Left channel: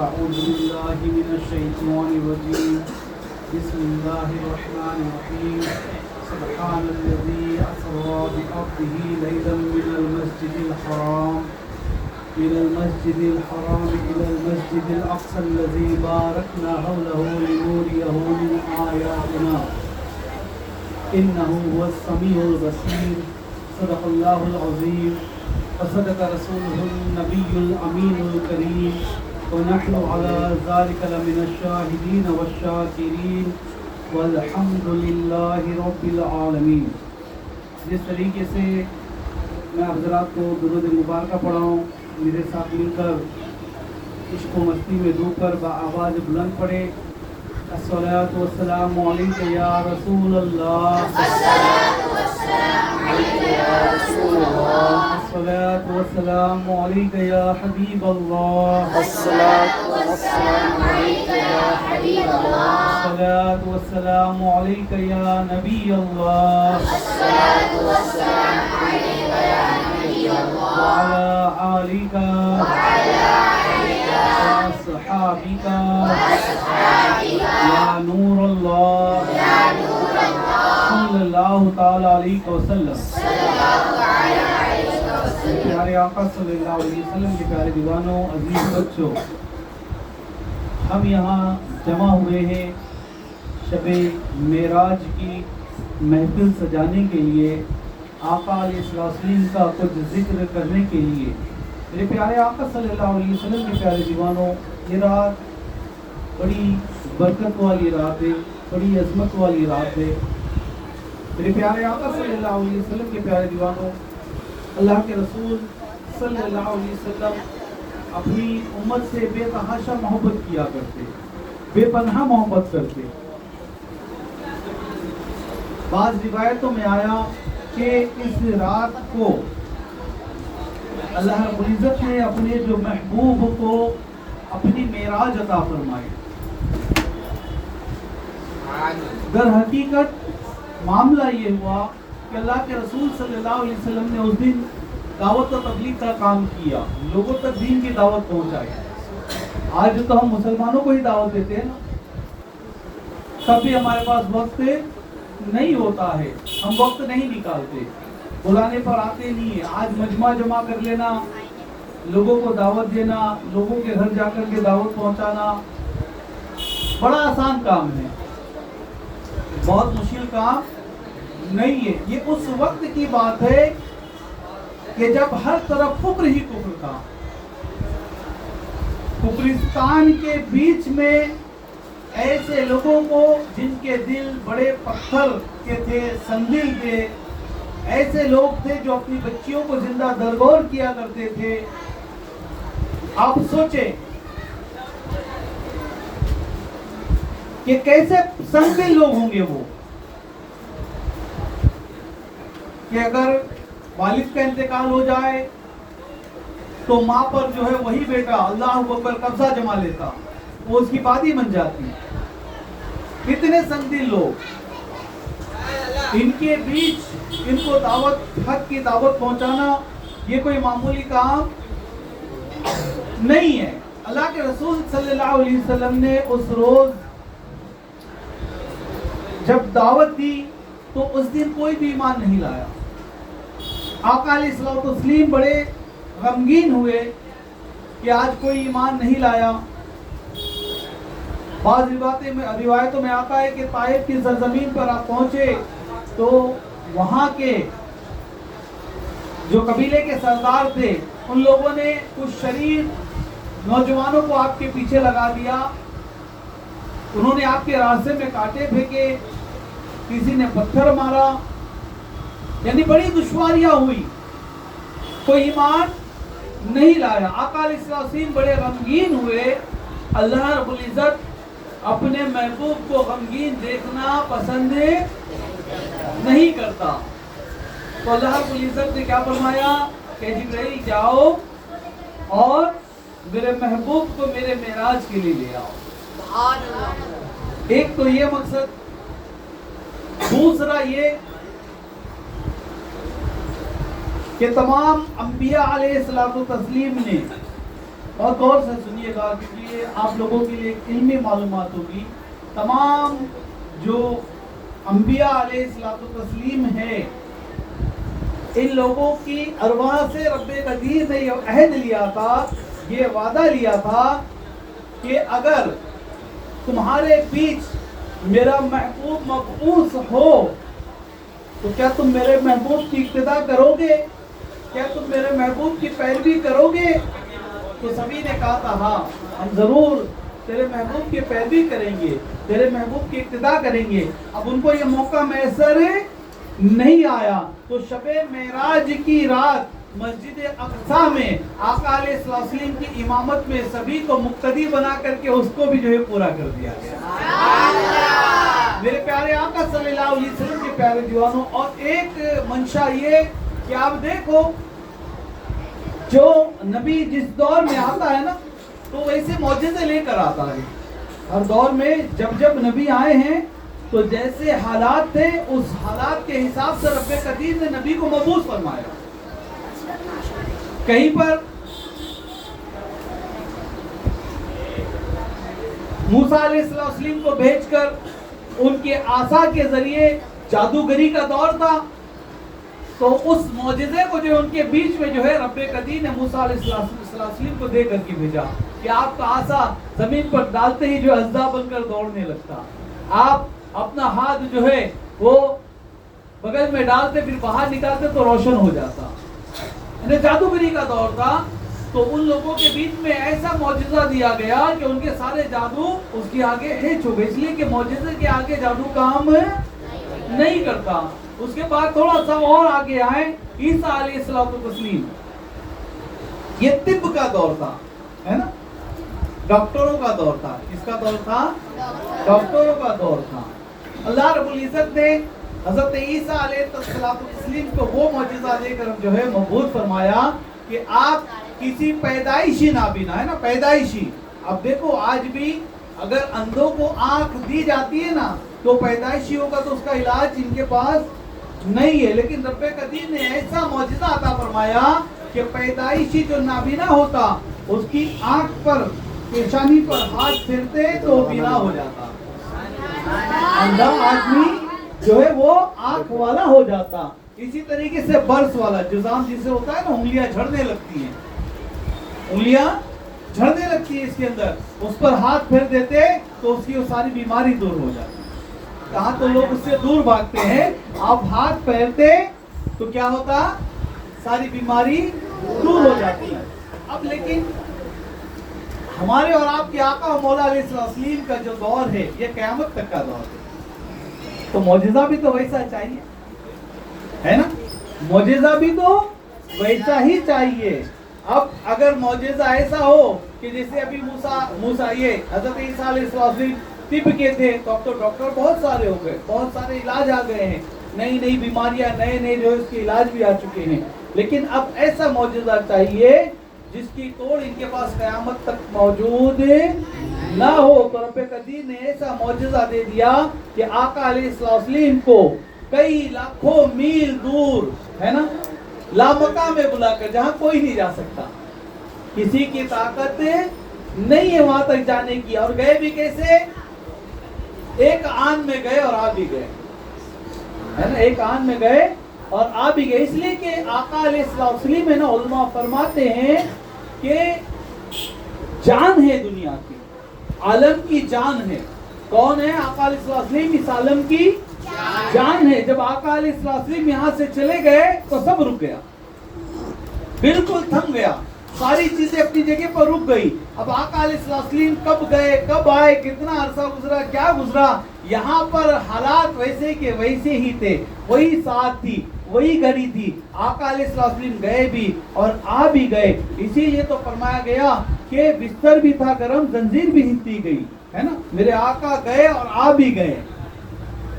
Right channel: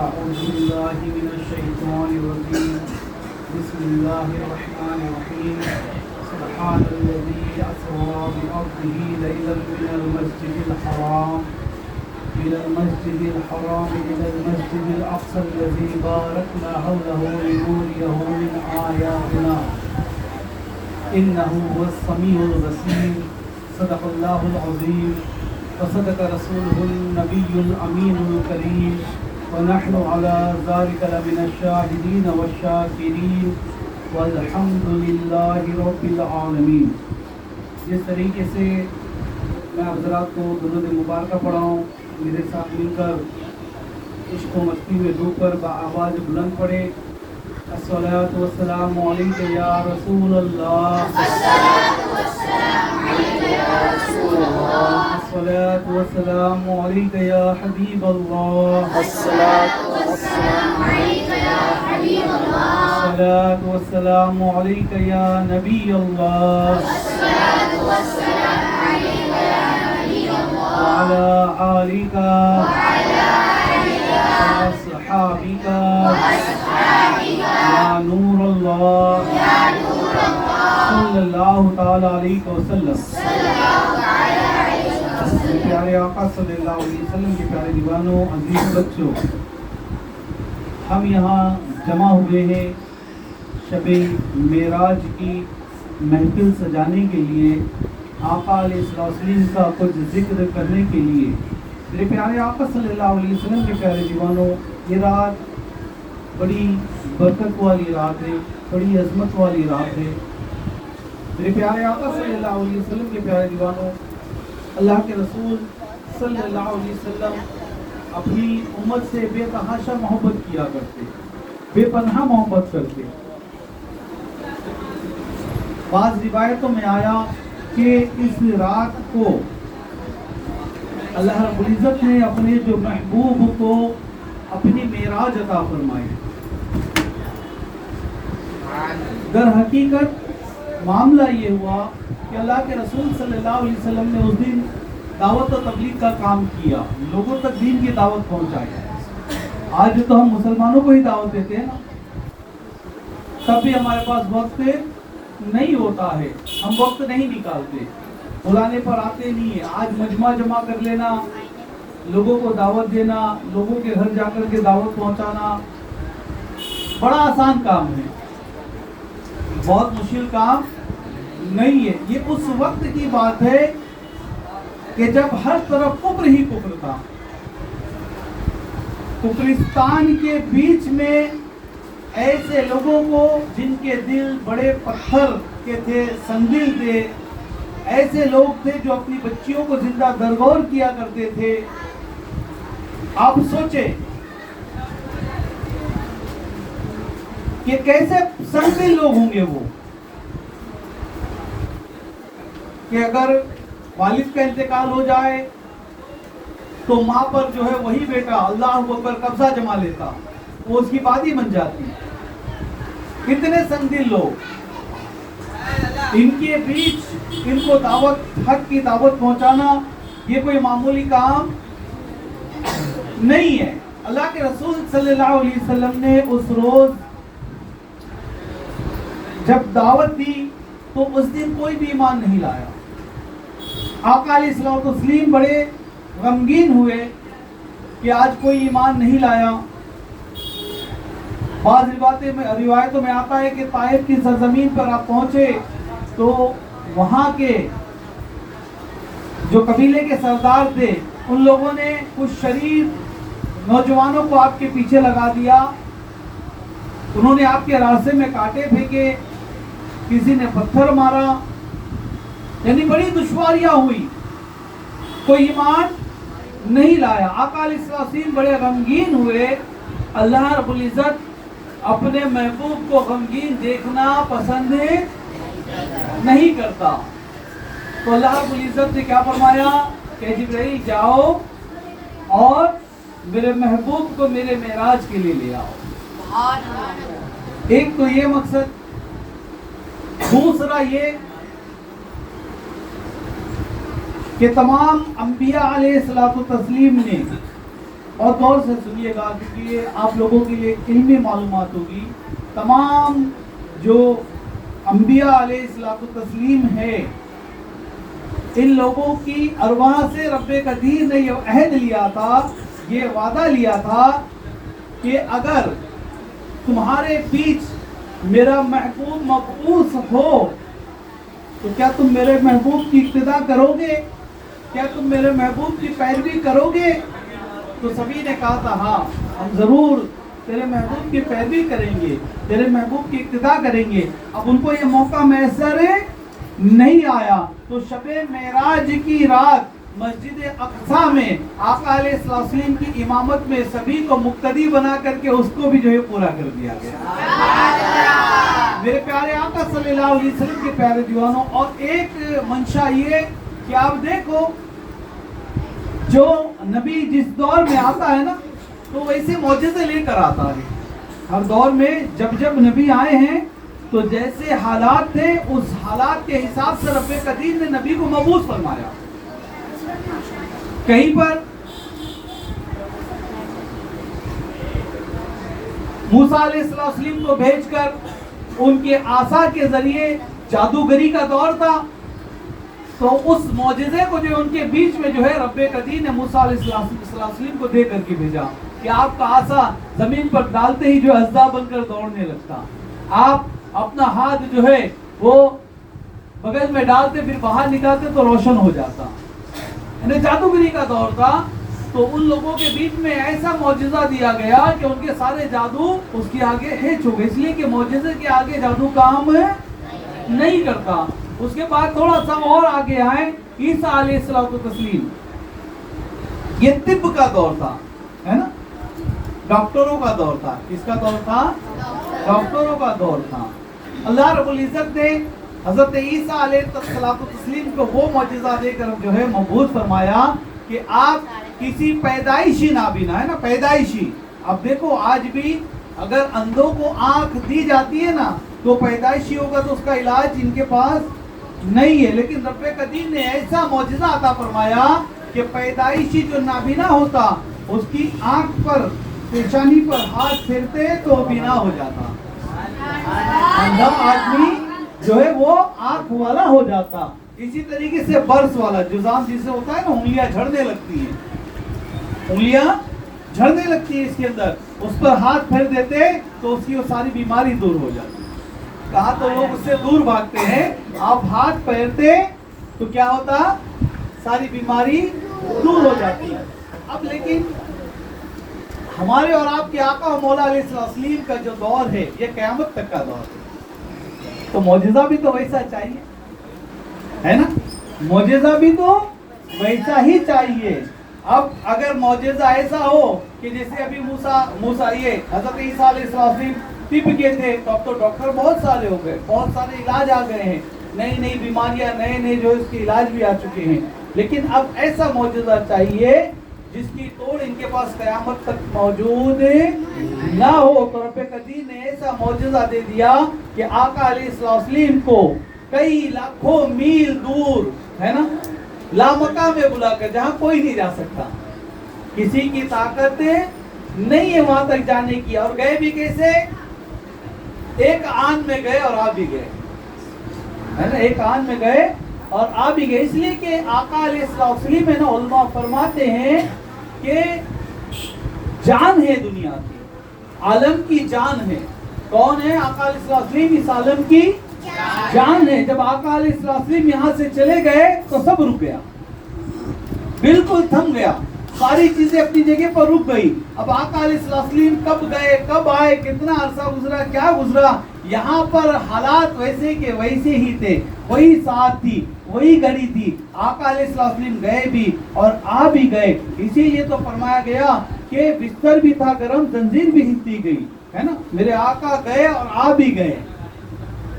أعوذ بالله من الشيطان الرجيم بسم الله الرحمن الرحيم سبحان الذي أسرى بعبده ليلا من المسجد الحرام إلى المسجد الأقصى الذي باركنا حوله لنريه من آياتنا إنه هو السميع البصير صدق الله العظيم وصدق رسوله النبي الأمين الكريم ونحن على ذلك لمن الشاهدين والشاكرين والحمد لله رب العالمین۔ جس طریقے سے میں آپ حضرات کو درود مبارکہ پڑھاؤں، میرے ساتھ مل کر عشق و مستی میں ڈوب کر بآواز بلند پڑھے۔ الصلاۃ والسلام علیک یا رسول اللہ، الصلاۃ والسلام علیک یا حبیب اللہ، الصلاۃ والسلام علیک یا نبی اللہ، وعلى آلك وأصحابك يا نور الله صلی اللہ تعالی علیہ وسلم۔ پیارے آقا صلی اللہ علیہ وسلم کے پیارے دیوانوں، عزیز بچوں، ہم یہاں جمع ہوئے ہیں شب معراج کی محفل سجانے کے لیے، آقا علیہ السلام کا کچھ ذکر کرنے کے لیے۔ میرے پیارے آقا صلی اللہ علیہ وسلم کے پیارے دیوانوں، یہ رات بڑی برکت والی رات ہے، بڑی عظمت والی رات ہے۔ میرے پیارے آقا صلی اللہ علیہ وسلم کے پیارے دیوانوں، اللہ کے رسول صلی اللہ علیہ وسلم اپنی امت سے بے تحاشا محبت کیا کرتے، بے پناہ محبت کرتے۔ بعض روایتوں میں آیا کہ اس رات کو اللہ رب العزت نے اپنے جو محبوب کو اپنی معراج عطا فرمائی۔ در حقیقت معاملہ یہ ہوا کہ اللہ کے رسول صلی اللہ علیہ وسلم نے اس دن دعوت و تبلیغ کا کام کیا، لوگوں تک دین کی دعوت پہنچائی۔ آج تو ہم مسلمانوں کو ہی دعوت دیتے ہیں نا، تب بھی ہمارے پاس وقت نہیں ہوتا ہے، ہم وقت نہیں نکالتے، بلانے پر آتے نہیں ہیں۔ آج مجمع جمع کر لینا، لوگوں کو دعوت دینا، لوگوں کے گھر جا کر کے دعوت پہنچانا بڑا آسان کام ہے، بہت مشکل کام نہیں ہے۔ یہ اس وقت کی بات ہے کہ جب ہر طرف کفر ہی کفر تھا، کفرستان کے بیچ میں ایسے لوگوں کو جن کے دل بڑے پتھر کے تھے، سنگدل تھے، ایسے لوگ تھے جو اپنی بچیوں کو زندہ درگور کیا کرتے تھے۔ آپ سوچیں کہ کیسے سنگدل لوگ ہوں گے وہ، کہ اگر والد کا انتقال ہو جائے تو ماں پر جو ہے وہی بیٹا اللہ اکبر قبضہ جما لیتا، وہ اس کی بادی بن جاتی۔ کتنے سنگدل لوگ، ان کے بیچ ان کو دعوت، حق کی دعوت پہنچانا یہ کوئی معمولی کام نہیں ہے۔ اللہ کے رسول صلی اللہ علیہ وسلم نے اس روز جب دعوت دی تو اس دن کوئی بھی ایمان نہیں لایا۔ آقا علیہ السلام بڑے غمگین ہوئے کہ آج کوئی ایمان نہیں لایا۔ بعض روایتوں میں آتا ہے کہ طائف کی سرزمین پر آپ پہنچے تو وہاں کے جو قبیلے کے سردار تھے ان لوگوں نے کچھ شریر نوجوانوں کو آپ کے پیچھے لگا دیا، انہوں نے آپ کے راستے میں کانٹے پھینکے، کسی نے پتھر مارا، یعنی بڑی دشواریاں ہوئی، کوئی ایمان نہیں لایا۔ آقا علیہ السلام بڑے غمگین ہوئے۔ اللہ رب العزت اپنے محبوب کو غمگین دیکھنا پسند نہیں کرتا، تو اللہ رب العزت نے کیا فرمایا کہ جبرائیل جاؤ اور میرے محبوب کو میرے معراج کے لیے لے آؤ۔ ایک تو یہ مقصد، دوسرا یہ کہ تمام انبیاء علیہ السلام نے اور غور سے سنیے گا کیونکہ یہ آپ لوگوں کے لیے علمی معلومات ہوگی. تمام جو انبیاء علیہ الصلوۃ والتسلیم ہے ان لوگوں کی ارواح سے رب قدیر نے یہ عہد لیا تھا, یہ وعدہ لیا تھا کہ اگر تمہارے بیچ میرا محبوب مبعوث ہو تو کیا تم میرے محبوب کی اقتدا کرو گے, کیا تم میرے محبوب کی پیروی کرو گے؟ تو سبھی نے کہا تھا ہاں ہم ضرور تیرے محبوب کی پیروی کریں گے, تیرے محبوب کی اقتدا کریں گے. اب ان کو یہ موقع میسر نہیں آیا تو شب معراج کی رات مسجد اقصیٰ میں آقا علیہ السلام کی امامت میں سبھی کو مقتدی بنا کر کے اس کو بھی جو ہے پورا کر دیا گیا. میرے پیارے آقا صلی اللہ علیہ وسلم کے پیارے دیوانوں, اور ایک منشا یہ کہ آپ دیکھو جو نبی جس دور میں آتا ہے نا تو ویسے معجزے لے کر آتا ہے. ہر دور میں جب جب نبی آئے ہیں تو جیسے حالات تھے اس حالات کے حساب سے رب قدیر نے نبی کو مبعوث فرمایا. کہیں پر موسیٰ علیہ السلام کو بھیج کر ان کے عصا کے ذریعے جادوگری کا دور تھا, تو اس معجزے کو جو ان کے بیچ میں جو ہے رب قدیر نے موسیٰ علیہ السلام کو دے کر کے بھیجا کہ آپ کا عصا زمین پر ڈالتے ہی جو اژدہا بن کر دوڑنے لگتا, آپ اپنا ہاتھ جو ہے وہ بغل میں ڈالتے پھر باہر نکالتے تو روشن ہو جاتا. یعنی جادوگری کا دور تھا. تو ان لوگوں کے بیچ میں ایسا معجزہ دیا گیا کہ ان کے سارے جادو اس کے آگے ہیچ ہو گئے, اس لیے کہ معجزے کے آگے جادو کام نہیں کرتا. اس کے بعد تھوڑا سا اور آگے آئے عیسیٰ علیہ السلام. یہ طب کا دور تھا, ہے نا, ڈاکٹروں کا دور تھا. کس کا دور تھا؟ ڈاکٹروں کا دور تھا. اللہ رب العزت نے حضرت عیسیٰ علیہ السلام کو وہ معجزہ دے کر جو ہے مبعوث فرمایا کہ آپ کسی پیدائشی نابینا, ہے نا, پیدائشی. اب دیکھو آج بھی اگر اندھوں کو آنکھ دی جاتی ہے نا تو پیدائشی ہوگا تو اس کا علاج ان کے پاس نہیں ہے, لیکن رب قدیر نے ایسا معجزہ عطا فرمایا کہ پیدائشی جو نابینا ہوتا اس کی آنکھ پر پیشانی پر ہاتھ پھیرتے تو بینا ہو جاتا, اندھا آدمی جو ہے وہ آنکھ والا ہو جاتا. اسی طریقے سے برس والا جزام جسے ہوتا ہے نا, انگلیاں جھڑنے لگتی ہیں, انگلیاں جھڑنے لگتی ہیں اس کے اندر, اس پر ہاتھ پھیر دیتے تو اس کی وہ ساری بیماری دور ہو جاتی. کہاں تو لوگ اس سے دور بھاگتے ہیں, آپ ہاتھ پھیرتے تو کیا ہوتا, ساری بیماری دور ہو جاتی ہے. اب لیکن ہمارے اور آپ کے آقا و مولا علیہ السلام کا جو دور ہے یہ قیامت تک کا دور ہے, تو معجزہ بھی تو ویسا چاہیے, ہے نا, معجزہ بھی تو ویسا ہی چاہیے. اب اگر معجزہ ایسا ہو کہ جیسے ابھی موسیٰ یہ حضرت عیسیٰ علیہ السلام طب کے تھے تو اب تو ڈاکٹر بہت سارے ہو گئے, بہت سارے علاج آ گئے ہیں, نئی نئی بیماریاں, نئے نئے جو اس کے علاج بھی آ چکے ہیں. لیکن اب ایسا معجزہ چاہیے جس کی توڑ ان کے پاس قیامت تک موجود نہ ہو. تو رب قدیر نے ایسا معجزہ دے دیا کہ آقا علیہ السلام کو کئی لاکھوں میل دور, ہے نا, لامکان میں بلا کر, جہاں کوئی نہیں جا سکتا, کسی کی طاقت نہیں ہے وہاں تک جانے کی. اور گئے بھی کیسے, ایک آن میں گئے اور آ بھی گئے, ہے نا, ایک آن میں گئے اور آ بھی گئے. اس لیے کہ آقا علیہ السلام ہے نا, علماء فرماتے ہیں کہ جان ہے دنیا کی, عالم کی جان ہے. کون ہے؟ آقا علیہ السلام اس عالم کی جان ہے. جب آقا علیہ السلام یہاں سے چلے گئے تو سب رک گیا, بالکل تھم گیا, ساری چیزیں اپنی جگہ پر رک گئی. اب آقا علیہ السلام کب گئے, کب آئے, کتنا عرصہ گزرا, کیا گزرا, یہاں پر حالات ویسے کے ویسے ہی تھے, وہی ساتھ تھی, وہی گھڑی تھی. آقا علیہ السلام گئے بھی اور آ بھی گئے. اسی لیے تو فرمایا گیا کہ بستر بھی تھا گرم, زنجیر بھی ہلتی گئی, ہے نا, میرے آقا گئے اور آ بھی گئے.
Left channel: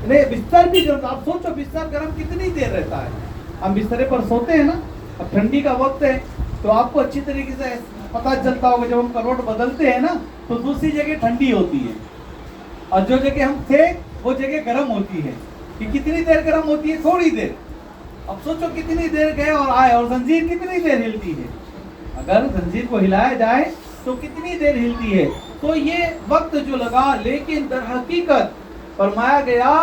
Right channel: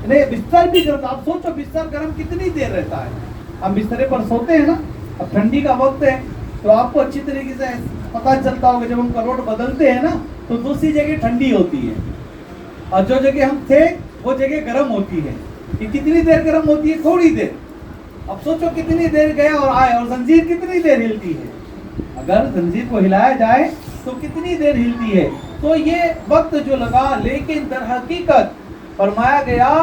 نہیں, بستر بھی گرم. آپ سوچو بستر گرم کتنی دیر رہتا ہے. ہم بسترے پر سوتے ہیں نا, اب ٹھنڈی کا وقت ہے تو آپ کو اچھی طریقے سے پتہ چلتا ہوگا جب ہم کروٹ بدلتے ہیں نا تو دوسری جگہ ٹھنڈی ہوتی ہے اور جو جگہ ہم تھے وہ جگہ گرم ہوتی ہے. کہ کتنی دیر گرم ہوتی ہے, تھوڑی دیر. اب سوچو کتنی دیر گئے اور آئے, اور زنجیر کتنی دیر ہلتی ہے. اگر زنجیر کو ہلایا جائے تو کتنی دیر ہلتی ہے. تو یہ وقت جو لگا، لیکن در حقیقت فرمایا گیا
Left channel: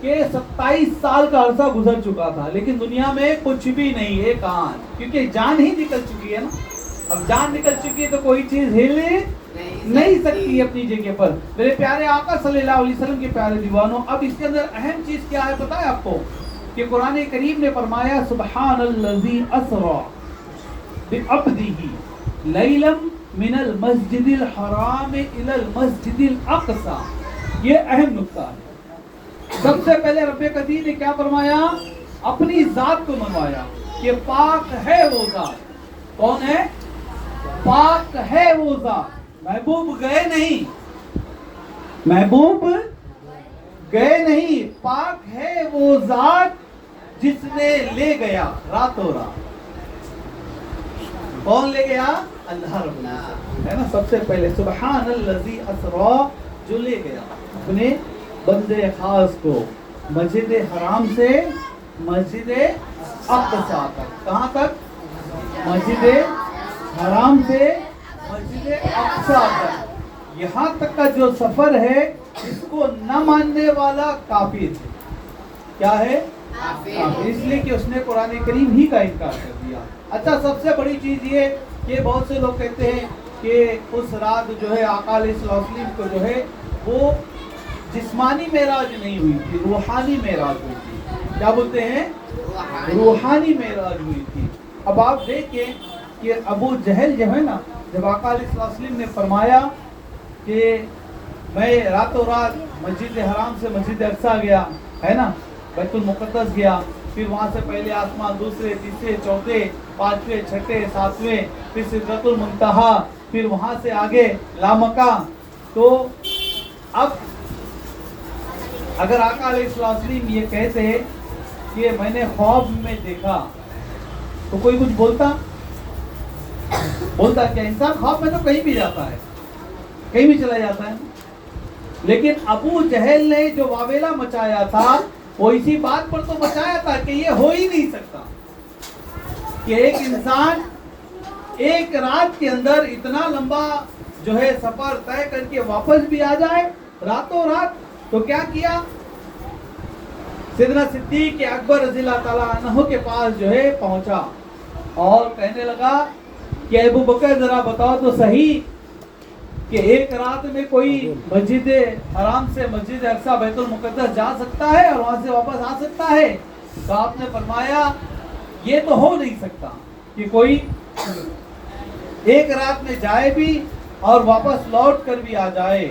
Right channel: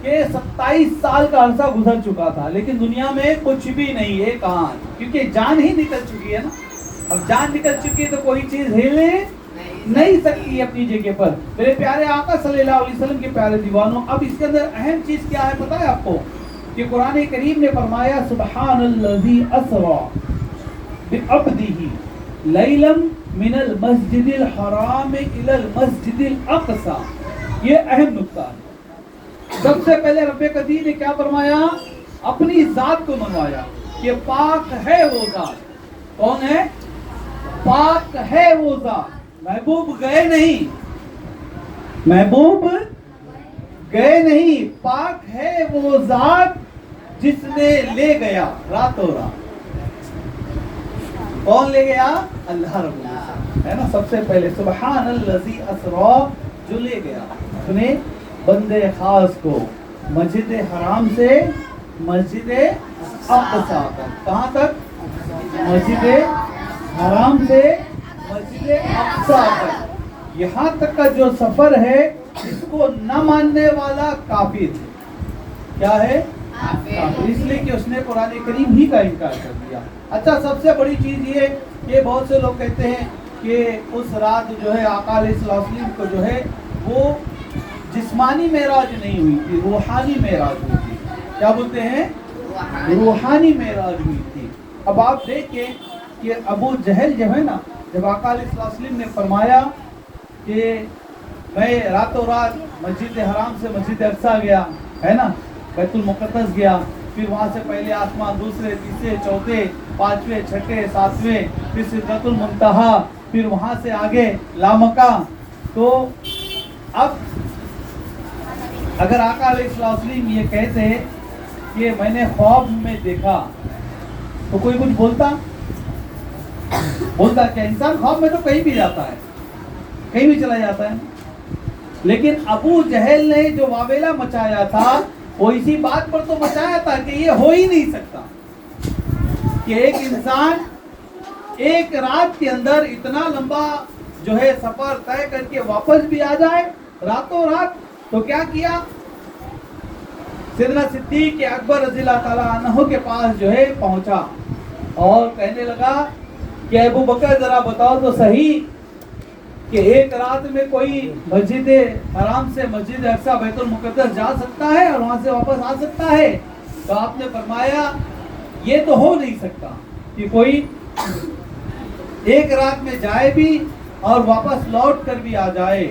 کہ 27 سال کا عرصہ گزر چکا تھا، لیکن دنیا میں کچھ بھی نہیں ہے کان، کیونکہ جان ہی نکل چکی ہے نا. اب جان نکل چکی ہے تو کوئی چیز ہل نہیں سکتی اپنی جگہ پر. میرے پیارے آقا صلی اللہ علیہ وسلم کے پیارے دیوانوں، اب اس کے اندر اہم چیز کیا ہے پتہ ہے آپ کو؟ کہ قرآن کریم نے فرمایا سبحان الذی اسری بعبدہ لیلا من المسجد الحرام الی المسجد الاقصی. یہ اہم نقطہ ہے. سب سے پہلے رب قدیر نے کیا فرمایا؟ اپنی ذات کو منوایا کہ پاک ہے وہ ذات. کون ہے؟ پاک ہے وہ ذات. محبوب گئے نہیں، محبوب گئے نہیں، پاک ہے وہ ذات جس نے لے گیا راتوں رات. کون لے گیا؟ اللہ رب العزت ہے نا. سب سے پہلے سبحان الذی اسری، جو لے گیا اپنے بندے خاص کو مسجد حرام سے مسجد اقصی تک. کہاں تک؟ مسجد حرام سے مسجد اقصی تک. یہاں تک کا جو سفر ہے اس کو نہ ماننے والا کافر ہے. کیا ہے؟ کافر. اس لیے کہ اس نے قرآن کریم ہی کا انکار کر دیا. اچھا، سب سے بڑی چیز یہ کہ بہت سے لوگ کہتے ہیں کہ اس رات جو ہے آقا علیہ الصلوۃ والسلام کو جو ہے وہ جسمانی معراج نہیں ہوئی تھی، روحانی معراج ہوئی تھی. کیا بولتے ہیں؟ روحانی معراج ہوئی تھی. اب آپ دیکھیں کہ ابو جہل جو ہے نا، جب آقا علیہ الصلوۃ والسلام نے فرمایا کہ میں راتوں رات مسجد حرام سے مسجد اقصی گیا ہے نا، بیت المقدس گیا، پھر وہاں سے پہلے آسمان، دوسرے، تیسرے، چوتھے، پانچویں، چھٹے، ساتویں، پھر سدرۃ المنتہا، پھر وہاں سے آگے لامکہ. تو اب اگر آقا علیہ السلام یہ کہتے کہ میں نے خواب میں دیکھا تو کوئی کچھ بولتا کیا؟ انسان خواب میں تو کہیں بھی جاتا ہے، کہیں بھی چلا جاتا ہے. لیکن ابو جہل نے جو واویلا مچایا تھا وہ اسی بات پر تو مچایا تھا کہ یہ ہو ہی نہیں سکتا کہ ایک انسان ایک رات کے اندر اتنا لمبا جو ہے سفر طے کر کے واپس بھی آ جائے راتوں رات. تو کیا کیا؟ سیدنا صدیق اکبر رضی اللہ تعالیٰ عنہ کے پاس جو ہے پہنچا اور کہنے لگا کہ ابو بکر ذرا بتاؤ تو صحیح کہ ایک رات میں کوئی مسجد حرام سے مسجد اقصی بیت المقدس جا سکتا ہے اور وہاں سے واپس آ سکتا ہے؟ تو آپ نے فرمایا یہ تو ہو نہیں سکتا کہ کوئی ایک رات میں جائے بھی اور واپس لوٹ کر بھی آ جائے.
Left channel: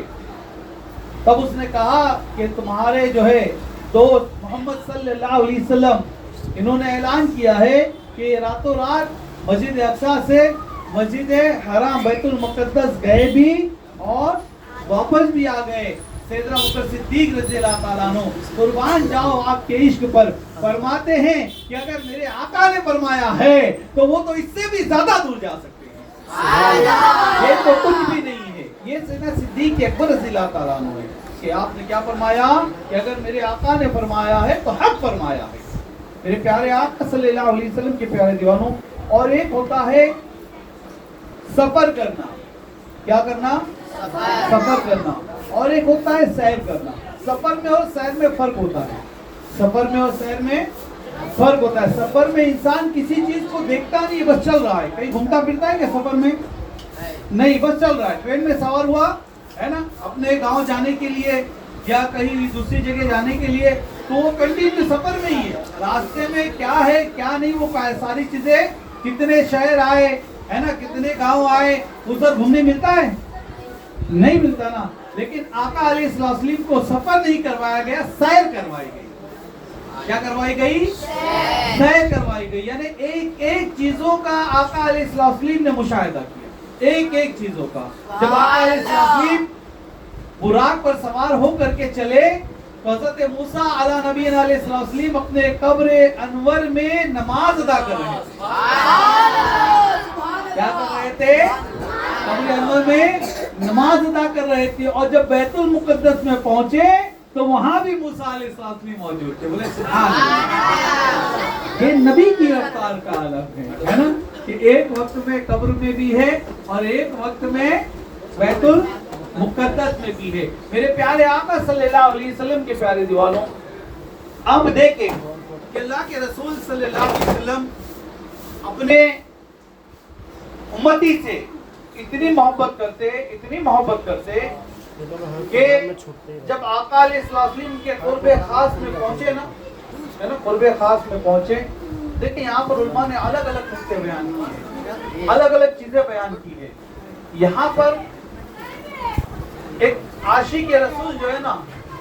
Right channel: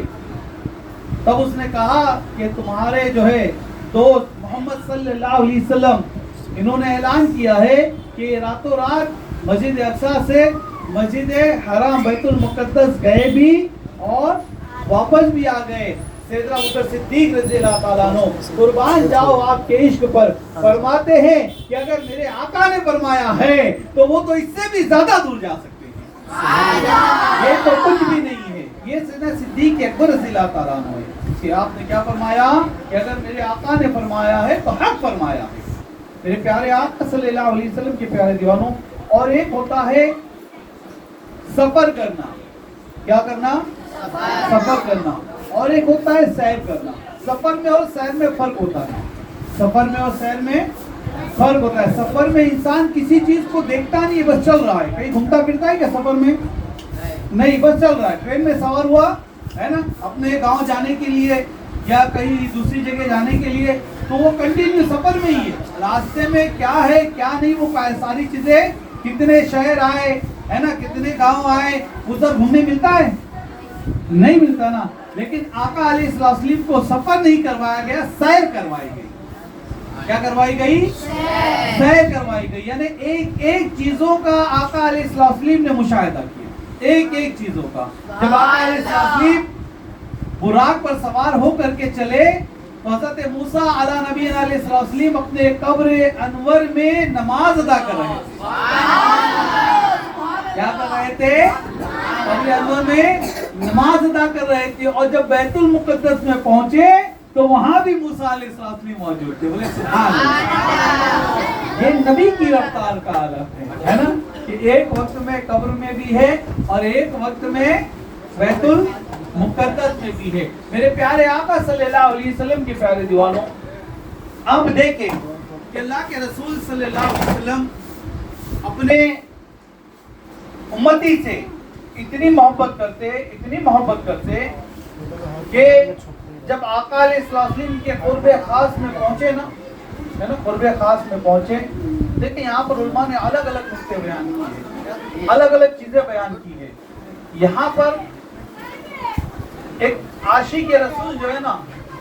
تب اس نے کہا کہ تمہارے جو ہے دوست محمد صلی اللہ علیہ وسلم انہوں نے اعلان کیا ہے کہ راتوں رات مسجد اقصی سے مسجد حرام بیت المقدس گئے بھی اور واپس بھی آ گئے. سیدنا ابوبکر صدیق رضی اللہ تعالیٰ عنہ قربان جاؤ آپ کے عشق پر فرماتے ہیں کہ اگر میرے آقا نے فرمایا ہے تو وہ تو اس سے بھی زیادہ دور جا سکتے ہیں. یہ تو کچھ بھی نہیں ہے. یہ سیدنا صدیق اکبر رضی اللہ تعالیٰ عنہ ہے کہ آپ نے کیا فرمایا کہ اگر میرے آقا نے فرمایا ہے تو حق فرمایا ہے. میرے پیارے آقا صلی اللہ علیہ وسلم کے پیارے دیوانوں، اور ایک ہوتا ہے سفر کرنا. کیا کرنا؟ سفر کرنا. اور ایک ہوتا ہے سیر کرنا. سفر میں اور سیر میں فرق ہوتا ہے. سفر میں اور سیر میں فرق ہوتا ہے. سفر میں انسان کسی چیز کو دیکھتا نہیں ہے، بس چل رہا ہے. کہیں گھومتا پھرتا ہے کیا سفر میں؟ نہیں، بس چل رہا ہے. ٹرین میں سوار ہوا ہے نا اپنے گاؤں جانے کے لیے یا کہیں دوسری جگہ جانے کے لیے، تو وہ کنٹینیو سفر میں ہی ہے. راستے میں کیا ہے کیا نہیں وہ ساری چیزیں، کتنے شہر آئے ہے نا، کتنے گاؤں آئے، ادھر گھومنے ملتا ہے؟ نہیں ملتا نا. لیکن آقا علیہ السلام کو سفر نہیں کروایا گیا، سیر کروائی گئی. کیا کروائی گئی؟ سیر کروائی گئی. یعنی ایک ایک چیزوں کا آقا علیہ السلام نے مشاہدہ کیا، ایک ایک چیزوں کا. جب آقا علیہ السلام براق پر سوار ہو کر کے چلے تو حضرت موسیٰ علیہ نبی علیہ السلام اپنے قبر انور میں نماز ادا کر رہے تھے. کیا کر رہے تھے؟ قبر انور میں نماز ادا کر رہے تھے. اور جب بیت المقدس میں پہنچے تو وہاں بھی موسیٰ علیہ السلام موجود تھے. بولے سبحان اللہ. یہ نبی کی رفتار کا عالم ہے نا. کہ ایک وقت میں قبر میں بھی ہے اور ایک وقت میں بیت المقدس میں بھی ہے۔ میرے پیارے آقا صلی اللہ علیہ وسلم کے پیارے دیوانوں، اب دیکھیں کہ اللہ کے رسول صلی اللہ علیہ وسلم اپنے امتی سے اتنی محبت کرتے کہ جب آقا علیہ السلام کے قرب خاص میں پہنچے نا، قرب خاص میں پہنچے، دیکھیں یہاں پر علماء نے الگ الگ نقطے بیان کیے، الگ الگ چیزیں بیان کی ہے۔ یہاں پر ایک عاشق رسول جو ہے نا،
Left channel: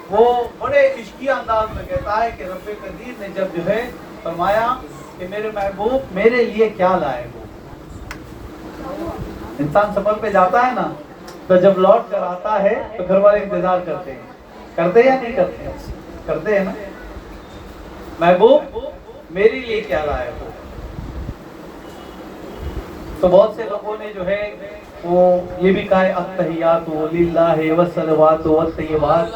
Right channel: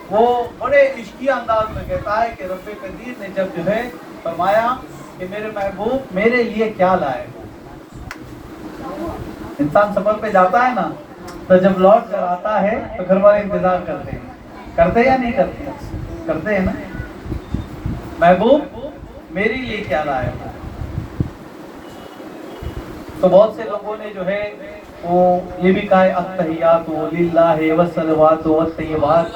وہ بڑے عشقی انداز میں کہتا ہے کہ رب قدیر نے جب جو ہے فرمایا کہ میرے محبوب میرے لیے کیا لائے ہو۔ انسان سفر پہ جاتا ہے نا، تو جب لوٹ کر آتا ہے تو گھر والے انتظار کرتے یا نہیں کرتے ہیں نا، محبوب میرے لیے کیا لائے ہو۔ تو بہت سے لوگوں نے جو ہے وہ یہ بھی کہا ہے التحیات للہ والصلوات والطیبات،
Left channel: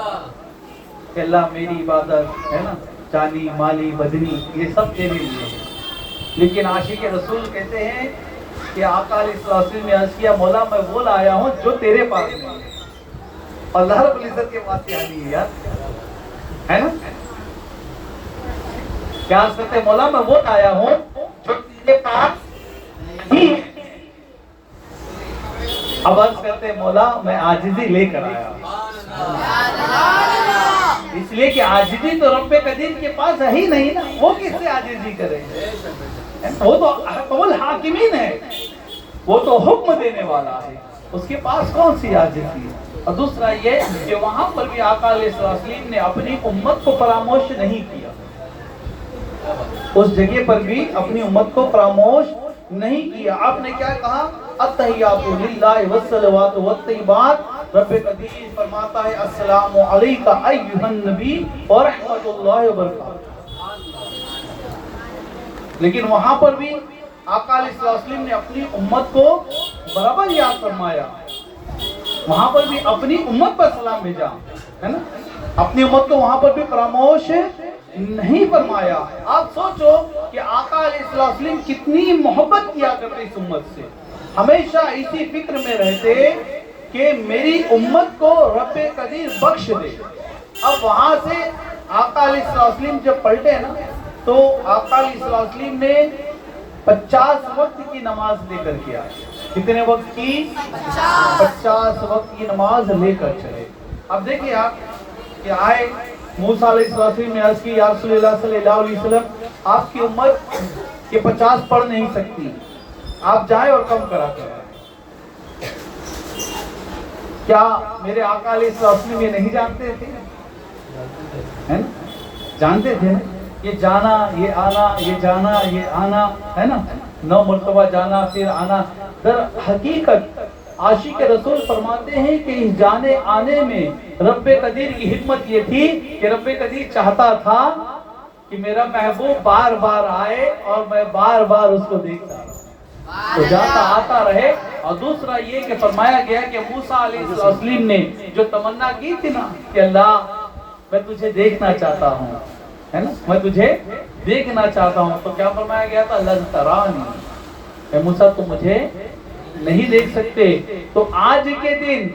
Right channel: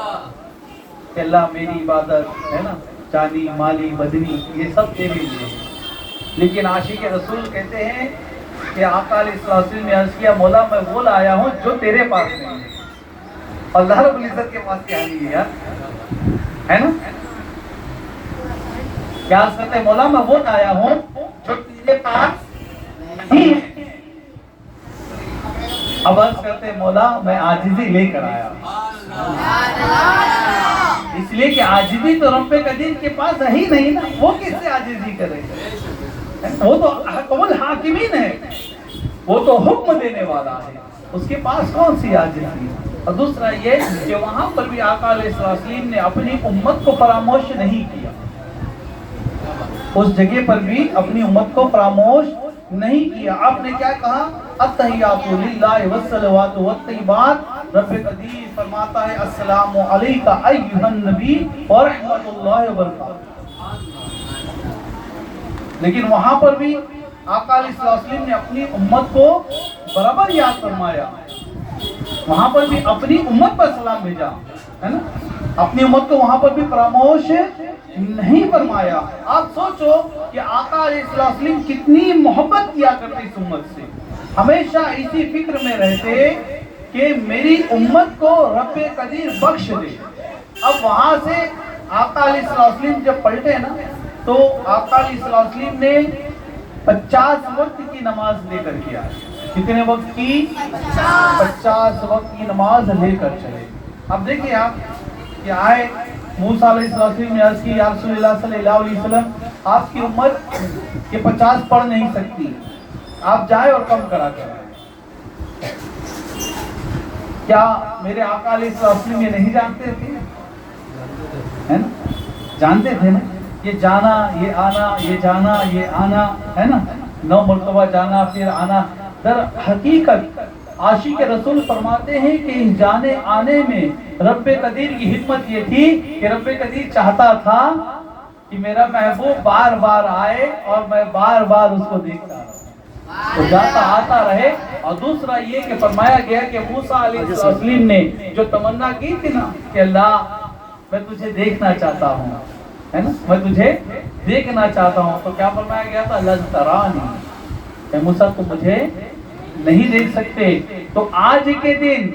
کہ اللہ میری عبادت ہے نا، جانی مالی بدنی یہ سب تیرے لیے ہے۔ لیکن عاشق رسول کہتے ہیں کہ آقا علیہ السلام نے عرض کیا مولا میں وہ لایا ہوں جو تیرے پاس نہیں ہے، اللہ رب العزت کے پاس کیا نہیں ہے یار، ہے نا؟ کیا عرض کرتے ہیں مولا میں وہ لایا ہوں جو تیرے پاس نہیں ہے۔ اب عرض کرتے ہیں مولا میں عاجزی لے کر آیا ہوں، اس لیے کہ عاجزی تو رب قدیر کے پاس ہے ہی نہیں نا، وہ کس سے عاجزی کرے؟ وہ تو حکم الحاکمین ہے، وہ تو حکم دینے والا ہے، اس کے پاس کون سی عاجزی؟ اور دوسرا یہ کہ وہاں پر بھی آقا علیہ السلام نے اپنی امت کو فراموش نہیں کیا، اس جگہ پر بھی اپنی امت کو فراموش نہیں کیا۔ آپ نے کیا کہا؟ التحیات للہ والصلوات والطیبات، رب قدیر فرماتا ہے السلام علیکہ ایھا النبی ورحمۃ اللہ وبرکاتہ۔ لیکن وہاں پر بھی آقا علیہ السلام نے اپنی امت کو برابر یاد فرمایا، وہاں پر بھی اپنی امت پر سلام بھیجا، ہے نا، اپنی امت کو وہاں پر بھی فراموش نہیں فرمایا۔ آپ سوچو کہ آقا علیہ السلام کتنی محبت کیا کرتے اس امت سے، ہمیشہ اسی فکر میں رہتے کہ میری امت کو رب قدیر بخش دے۔ اب وہاں سے آقا علیہ السلام جب پلٹے نا، تو آقا علیہ السلام نے 50 وقت کی نماز لے کر کے آئے۔ کتنے وقت کی؟ 50 وقت کی نماز لے کر چلے۔ اب دیکھیں آپ کہ آئے موسیٰ علیہ السلام نے عرض کی یا رسول اللہ صلی اللہ علیہ وسلم آپ کی امت کہ 50 پڑھ نہیں سکتی، آپ جائیں اور کم کرا کرائیں۔ کیا میرے آقا علیہ السلام یہ نہیں جانتے تھے؟ جانتے تھے نا، یہ جانا یہ آنا، یہ جانا یہ آنا، ہے نا، 9 مرتبہ جانا پھر آنا۔ در حقیقت عاشق رسول فرماتے ہیں کہ اس جانے آنے میں رب قدیر کی حکمت یہ تھی کہ رب قدیر چاہتا تھا کہ میرا محبوب بار بار آئے اور میں بار بار اس کو دیکھتا تو جاتا آتا رہے۔ اور دوسرا یہ کہ فرمایا گیا کہ موسیٰ علیہ السلام نے جو تمنا کی تھی نا کہ اللہ میں تجھے دیکھنا چاہتا ہوں، ہے نا، میں تجھے دیکھنا چاہتا ہوں، تو کیا فرمایا گیا تھا؟ لن ترانی، کہ موسیٰ تم مجھے نہیں دیکھ سکتے۔ تو آج کے دن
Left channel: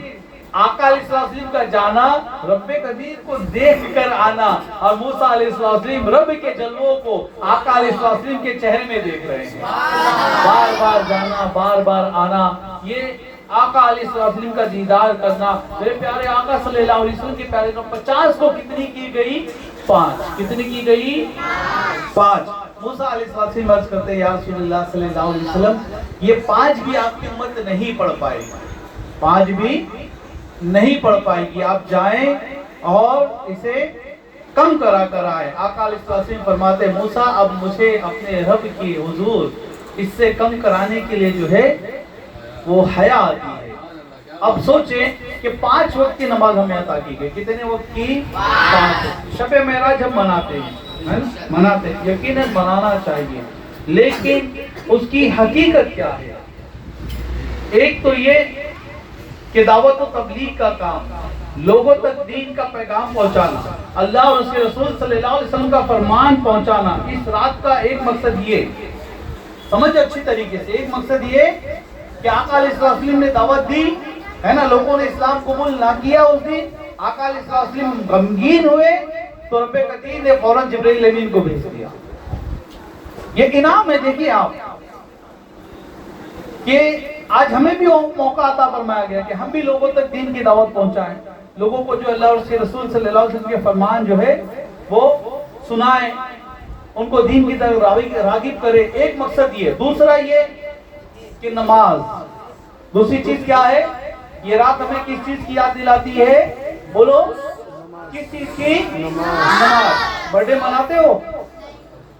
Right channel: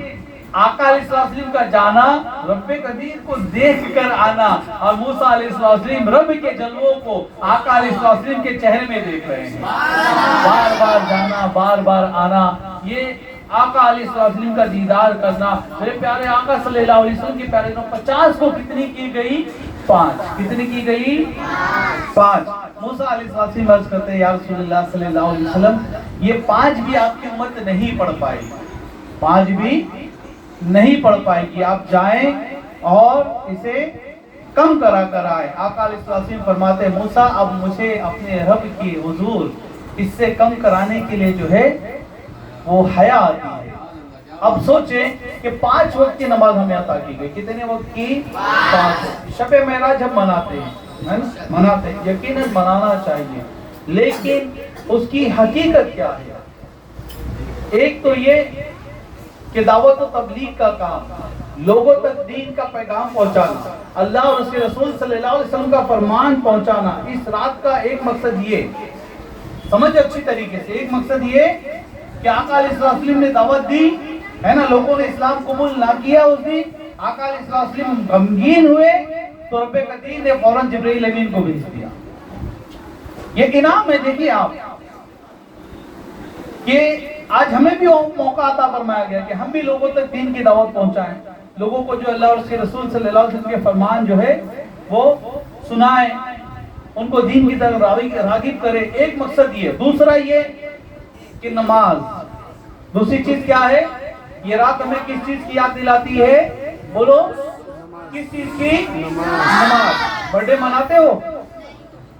آقا علیہ السلام کا جانا رب قدیر کو دیکھ کر آنا، اور موسیٰ علیہ السلام رب کے جلووں کو آقا علیہ السلام کے چہرے میں دیکھ رہے ہیں، بار بار جانا بار بار آنا، یہ آقا علیہ السلام کا دیدار کرنا۔ میرے پیارے آقا صلی اللہ علیہ وسلم کے پیارے نام 50 کو کتنی کی گئی؟ 5۔ کتنی کی گئی؟ 5۔ موسیٰ علیہ السلام عرض کرتے ہیں یا رسول اللہ صلی اللہ علیہ وسلم یہ 5 بھی آپ کی امت نہیں پڑھ پائے گی، 5 بھی نہیں پڑھ پائے گی، آپ جائیں اور اسے کم کرا کر آئے۔ آقا علیہ السلام فرماتے ہیں موسیٰ اب مجھے اپنے رب کی حضور اس سے کم کرانے کے لیے جو ہے وہ حیا آتی ہے۔ اب سوچیں کہ 5 وقت کی نماز ہمیں عطا کی گئی، کتنے وقت کی؟ 5۔ شب معراج ہم مناتے ہیں، یقیناً منانا چاہیے، لیکن اس کی حقیقت کیا ہے؟ ایک تو یہ کہ دعوت و تبلیغ کا کام، لوگوں تک دین کا پیغام پہنچانا، اللہ اور اس کے رسول صلی اللہ علیہ وسلم کا فرمان پہنچانا۔ اس رات کا ایک مقصد یہ سمجھو اچھی طریقے سے. ایک مقصد یہ کہ آقا علیہ السلام نے دعوت دی ہے نا, لوگوں نے اسلام قبول نہ کیا اس دن. آقا علیہ السلام غمگین ہوئے تو رب قدیر نے فوراً جبرائیل امین کو بھیج دیا. یہ انعام ہے. دیکھیے آپ کہ آج ہمیں بھی موقع عطا فرمایا گیا کہ ہم بھی لوگوں تک دین کی دعوت پہنچائیں, لوگوں کو جو اللہ اور اس کے رسول صلی اللہ علیہ وسلم کے فرمان جو ہے وہ سنائیں, ان کو دین کی طرف راغب کرے. ایک مقصد یہ. دوسرا یہ کہ نماز. دوسری چیز کیا ہے؟ یہ رات ہمیں کس چیز کی یاد دلاتی ہے؟ بولو, کس چیز کی؟ نماز. برتھ ڈے مناتے ہو؟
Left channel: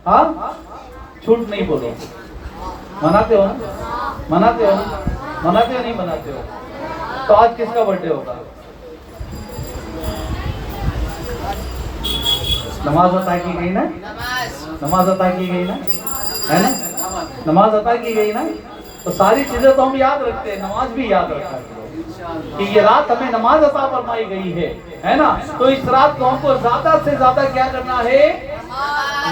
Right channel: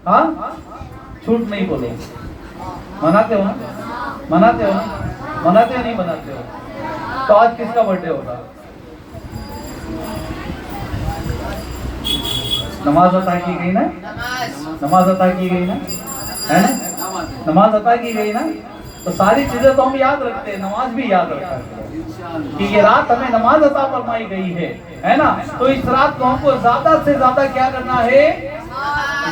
ہاں, جھوٹ نہیں بولو, مناتے ہو نا؟ مناتے ہو نا؟ مناتے ہو نہیں مناتے ہو؟ تو آج کس کا برتھ ڈے ہوگا؟ نماز عطا کی گئی نا, نماز عطا کی گئی نا, ہے نا, نماز عطا کی گئی نا. تو ساری چیزیں تو ہم یاد رکھتے ہیں, نماز بھی یاد رکھا کہ یہ رات ہمیں نماز عطا فرمائی گئی ہے نا. تو اس رات کو ہم کو زیادہ سے زیادہ کیا کرنا ہے؟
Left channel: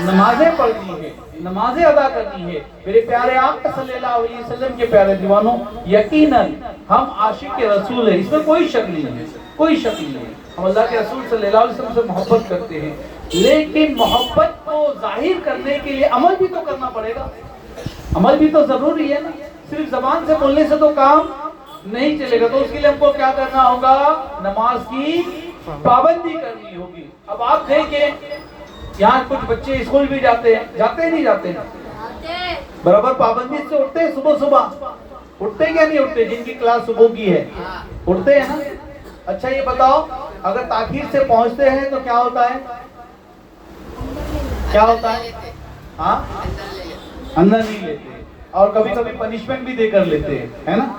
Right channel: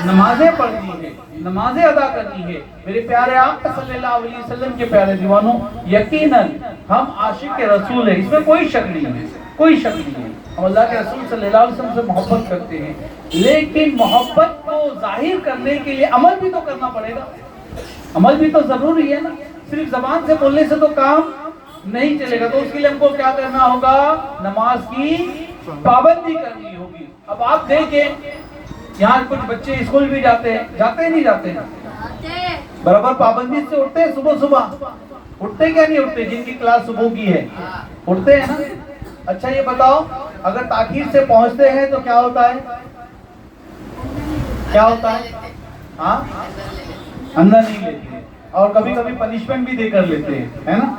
نمازیں پڑھنی ہے, نمازیں ادا کرنی ہے. میرے پیارے آقا صلی اللہ علیہ وسلم کے پیارے دیوانوں, یقیناً ہم عاشق رسول ہیں, اس میں کوئی شک نہیں ہے, کوئی شک نہیں ہے. ہم اللہ کے رسول صلی اللہ علیہ وسلم سے محبت کرتے ہیں, لیکن محبت کو ظاہر کرنے کے لیے عمل بھی تو کرنا پڑے گا. عمل بھی تو ضروری ہے نا. صرف زبان سے بولنے سے تو کام نہیں چلے گا. تو اس کے لیے ہم کو کیا کرنا ہوگا؟ نماز کی پابندی کرنی ہوگی. اب آپ دیکھیں یہاں کچھ بچے اسکول بھی جاتے ہیں, جاتے ہیں نہیں جاتے ہیں؟ برابر پابندی سے اٹھتے ہیں صبح صبح, اٹھتے کیا نہیں اٹھتے؟ جن کی کلاس صبح کی ہے اٹھتے ہیں نا. اچھا یہ بتاؤ, اگر تاخیر سے پہنچتے ہیں تو کیا ہوتا ہے؟ کیا ہوتا ہے؟ ہاں, اندر نہیں لیتے, اور کبھی کبھی پنشمنٹ بھی دے کر لیتے ہیں, ہے نا,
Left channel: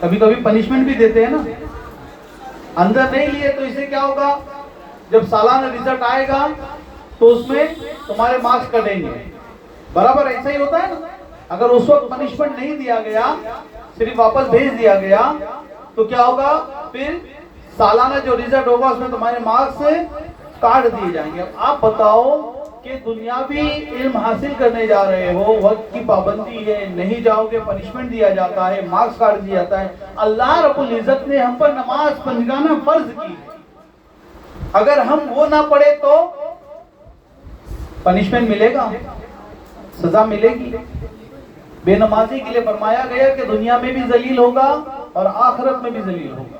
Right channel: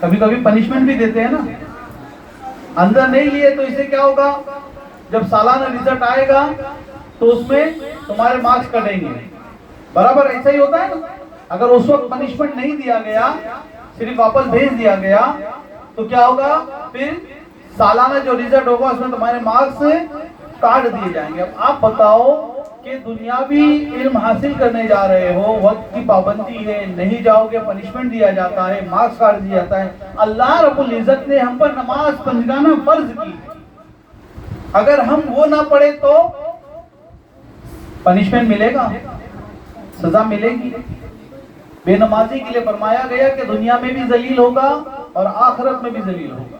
کبھی کبھی پنشمنٹ بھی دیتے ہیں نا. اندر نہیں لیے تو اس سے کیا ہوگا؟ جب سالانہ رزلٹ آئے گا تو اس میں تمہارے مارکس کٹیں گے. برابر ایسا ہی ہوتا ہے نا. اگر اس وقت پنشمنٹ نہیں دیا گیا, صرف واپس بھیج دیا گیا, تو کیا ہوگا؟ پھر سالانہ جو رزلٹ ہوگا اس میں تمہارے مارکس کاٹ دیے جائیں گے. اب آپ بتاؤ کہ دنیاوی علم حاصل کرنے جا رہے ہو, وقت کی پابندی ہے, نہیں جاؤ گے پنشمنٹ دیا جاتا ہے, مارکس کاٹ دیا جاتا ہے. اللہ رب العزت نے ہم پر نماز پنجگانہ فرض کی, اگر ہم وہ نہ پڑھے تو پنشمنٹ ملے گا, سزا ملے گی. بے نمازی کے لیے فرمایا گیا کہ دنیا میں بھی ذلیل ہوگا اور آخرت میں بھی ذلیل ہوگا.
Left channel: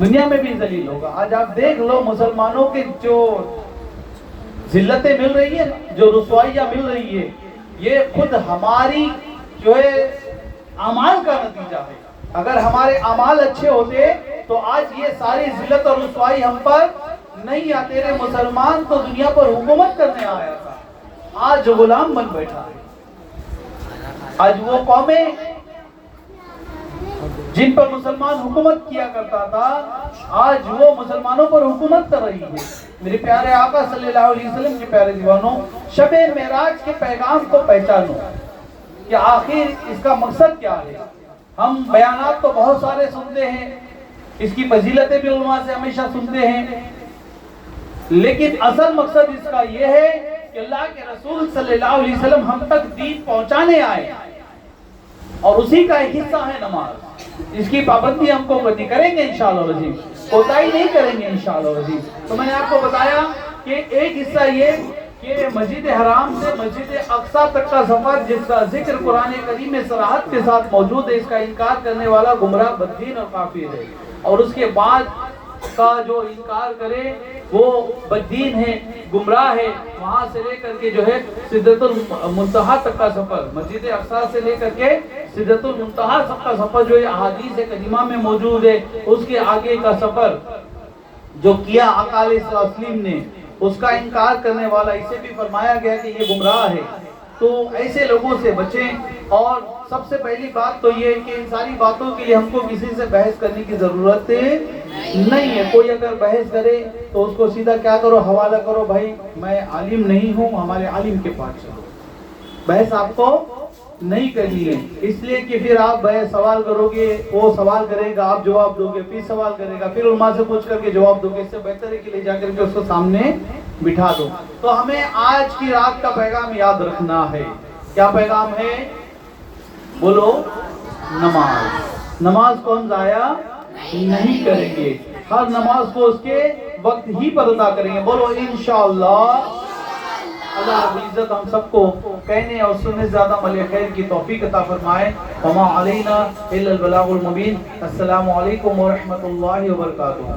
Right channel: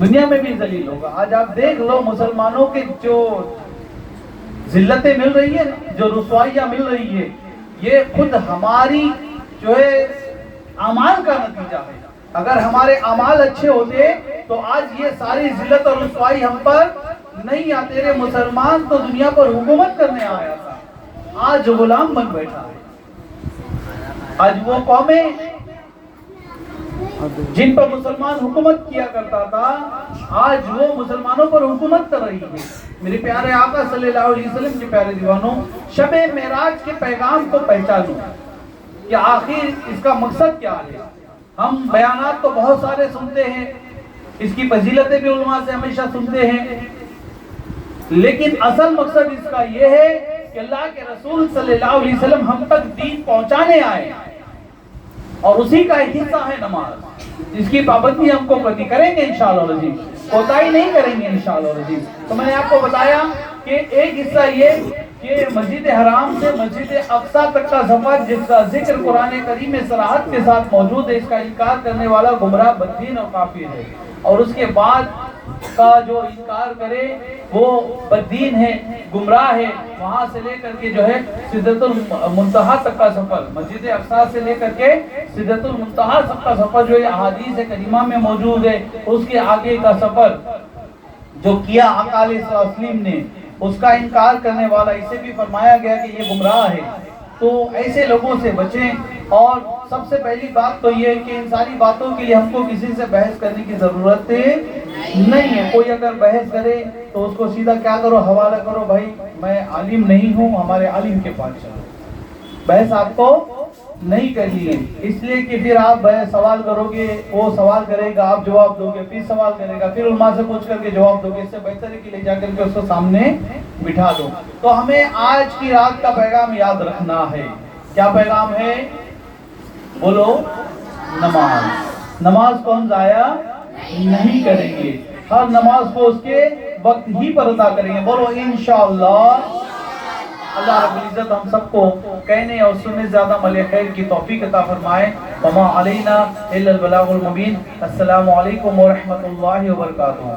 دنیا میں بھی ذلیل ہوگا. آج آپ دیکھ لو مسلمانوں کے جو ذلتیں مل رہی ہیں, جو رسوائیاں مل رہی ہے, یہ خود ہماری جو ہے اعمال کا نتیجہ ہے. اگر ہمارے اعمال اچھے ہوتے تو آج یہ ساری ذلت اور رسوائی ہم پر نہیں آتے. تیرے مسلمان تو دنیا پر حکومت کرنے آیا تھا, آج غلام بن بیٹھا ہے. آج وہ قومیں جن پر مسلمان حکومت کیا کرتا تھا, آج وہ مسلمانوں پر حکومت کر رہی ہے. میرے پیارے آقا صلی اللہ علیہ وسلم کے پیارے دیوانوں, شب معراج کے پیغام کو پہچانو کہ آخر اس کا مقصد کیا ہے. ہم بیانات تو بہت سارے سنتے ہیں, اس کی فضیلتیں بھی علماء سے ہمیشہ سنتے ہیں, لیکن اصل مقصد اس کا یہ ہے کہ اللہ کے رسول صلی اللہ علیہ وسلم ہم تک دین پہنچانے آئے, اور اسی کا ایک حصہ ہے نماز. اس کی پابندی ہم کو کریں گے انشاءاللہ العزیز, کوتاہی نہیں کریں گے انشاءاللہ العزیز. تو میں نے آپ کو بتایا کہ ایک حصہ یہ کہ مسجد حرام سے مسجد اقصی تک کا سفر جس کا ذکر قرآن کریم میں صراحت کے ساتھ موجود ہے, اس کا انکار کرنے والا گمراہ بددین اور کافر ہے. اور اس کے بعد کا جو انکار کرے وہ بددین ہے, گمراہ ہے. وہاں سے لے کر کے جو ہے سدرۃ المنتہا تک کا سفر, مسجد اقصی سے لے کر کے سدرۃ المنتہا تک کا سفر جو ہے احادیث کریمہ میں موجود ہے, اس کے آگے کا سفر جو کیا آقا علیہ السلام نے, اس کا انکار کرنے والا, اسے بھی فرمایا گیا کہ یہ گمراہ ہے. تو ایسے لوگوں سے بچیں. اور سب سے پہلی بات تو یہ ہے کہ ان ساری باتوں کے لیے ہم کو کسی سے بحث کرنے کی ضرورت نہیں ہے. کوئی اگر بحث کرے تو اس کو سیدھا کیا کرو, حوالہ کرو, بھائی میں عالم نہیں ہوں, ہمارے عالم کے پاس چلو. بحث آپ کو نہیں کرنی ہے, اس لیے کہ پھر آپ سوال کرو گے, وہ سوال کرے گا, آپ جواب دو گے, پھر سوال کرے گا, پھر علماء سے پوچھ کر کے جواب دو گے. اس سے بہتر ہے کہ لے جا کر کے اس کو سامنے بٹھا دو. تو ہمیں آج کی رات کا پیغام یاد رکھنا ہے کیا پیغام ہے؟ بولو نماز. نماز کو ہم ضائع نہیں کریں گے، ہر نماز کو اس کے وقت ہی پر ادا کریں گے. بولو انشاءاللہ. اللہ رب العزت ہم سب کو کہنے اور سننے زیادہ عمل خیر کی توفیق عطا فرمائے. وما علینا الا البلاغ المبین. السلام علیکم ورحمۃ اللہ وبرکاتہ.